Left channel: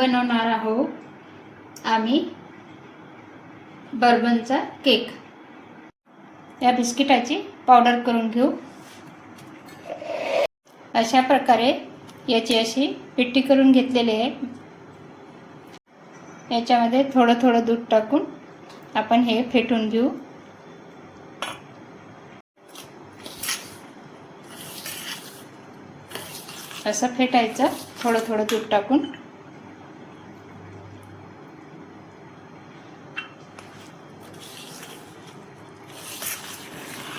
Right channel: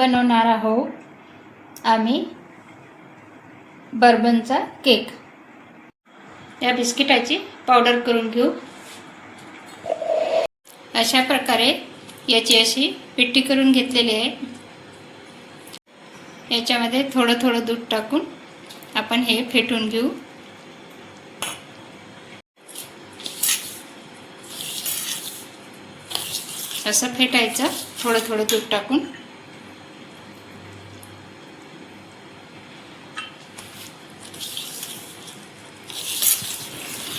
बनवणार आहोत आम्ही बर्बनचा केक। या बिस्किटाची पावडर करून घेऊ। अशा प्रकारे याची अशी पिट्टी करून घेतलेली आहे। याच्यामध्ये थोडं थोडं दूध टाकून आपण हे फेटून घेऊ। असं फेटायचं थोडं थोडं दूध टाकून।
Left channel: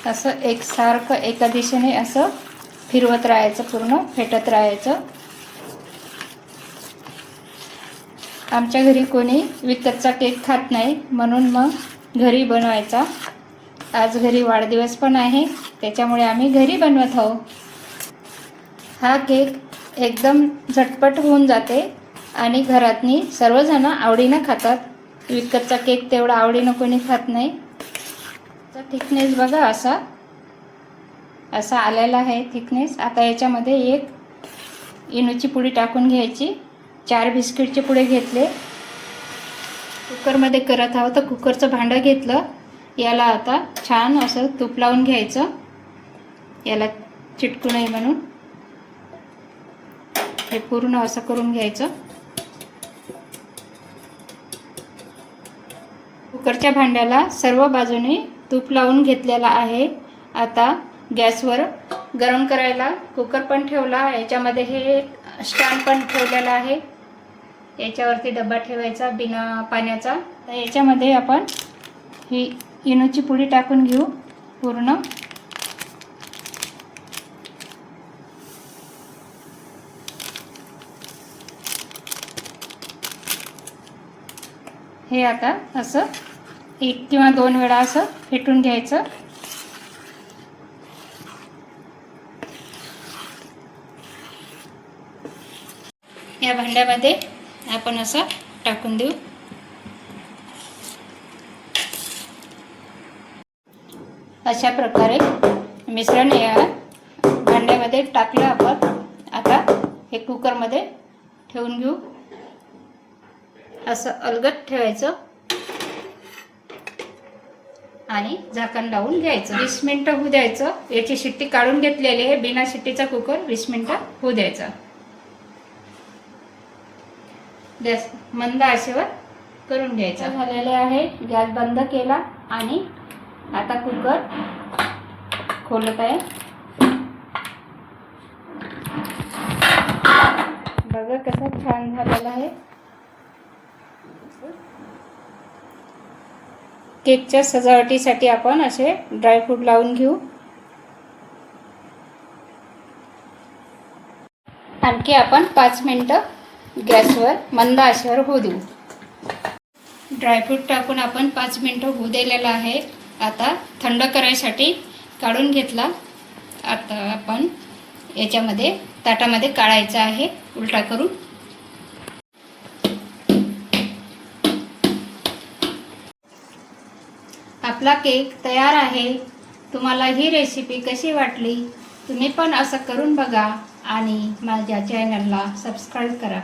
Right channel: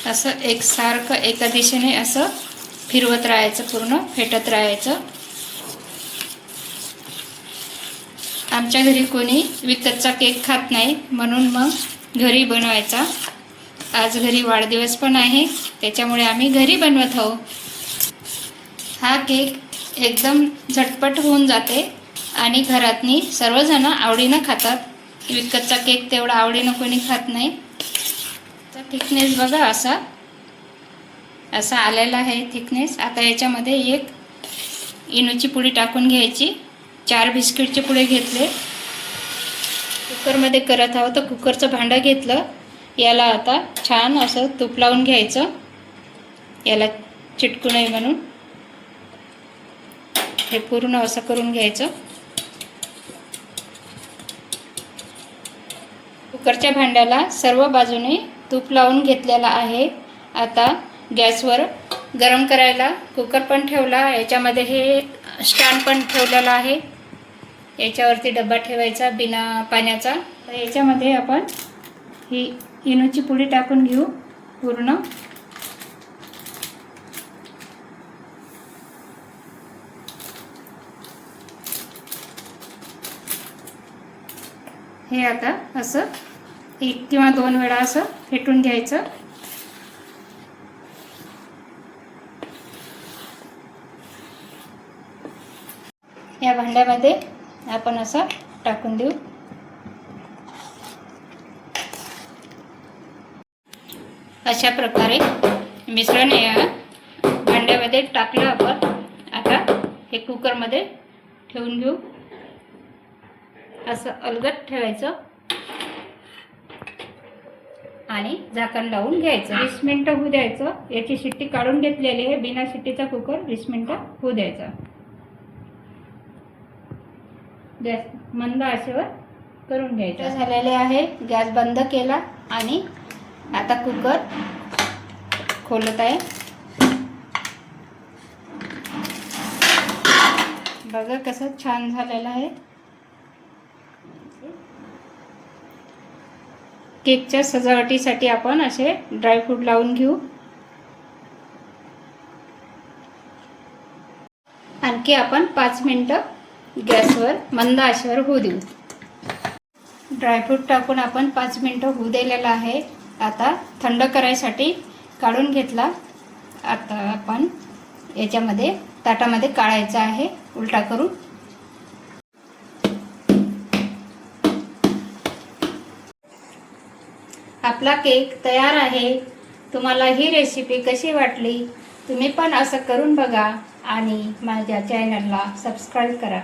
असं एकसारखं एका दिशेने असं फिरवत राहायचं, पूर्ण फेटत राहायचं। आमच्या घरी कोणी विकतचा केक खात नाही, म्हणून मग घरी बनवायचा। आज घरी वाढदिवस पण आहे, त्याच्यामुळे आम्ही घरी बनवत आहोत। हा केक एकदम झटपट होऊन जाते आणि घरातनी सर्वजण आवडीने खातात। विकतचा केक तेवढा आवडीने कोणी खात नाही। तर थिकनेस बघा असा आलेला आहे थिकनेस। आता याच्यामध्ये एक इनोची पुडी टाकून घ्यायची। 4 बिस्किटचे पुडे घेतले। कुकरमध्ये करत आहोत तर कुकरचं भांडं घेतलं। याला आता छान असं तूप लावून घ्यायचं, याला चिटकू नये म्हणून। हे पूर्ण असं करून घ्यायचं। कुकरच्या भांड्याला सर्व बाजूने तूप लावून घेतलेला आहे। आता गॅसवर गरम करायला कुकर पण ठेवला। याच्यामध्ये हे स्टँड पण ठेवलेला आहे। याच्यावरती डब्बा ठेवायचा बिना पाण्याचा। तर याच्यामध्ये आपण ही इनोची पुडी टाकून घेऊ पूर्ण। हे आता असं 1 किंवा 2 वेळा असं फेटून घ्यायचं। या भांड्यामध्ये आपण असं टाकून देऊ। अशा प्रकारे मिश्रण या भांड्यामध्ये टाकलं आपण। आता हे कुकरमध्ये ठेवून घेऊ। असं अलगद ठेवायचं आणि झाकण लावून घ्यायचं। 20 मिनिटं होऊ द्यायचं। याची शिट्टी काढून घेतलेली आहे। बिना शिट्टीचा कुकर 20 मिनिटं होऊ द्यायचा। गॅस मंद आचेवर करून घ्यायचा। झालेले आहे। गॅस बंद केला आणि आता कुकर खोलत आहे। बघा कसं छान झालेला आहे। केकच्या सजावटीसाठी आपण असे ड्रायफ्रूट लावून घेऊ। आणखी आपण 5 मिनिटं गॅसवर मंद आचेवर होऊ देऊ। ड्रायफ्रूट टाकून आपण 5 मिनिटं होऊ दिलेलं आहे। आता थंड करायसाठी काढून घेतला। आता आपण याच्यामध्ये ताटामध्ये काढायचं आहे उलटा करून। आपला केक तयार आहे। तुम्हाला ही रेसिपी कशी वाटली? तुम्ही पण असं करून बघा आणि माझ्या चॅनलला सबस्क्राईब करा।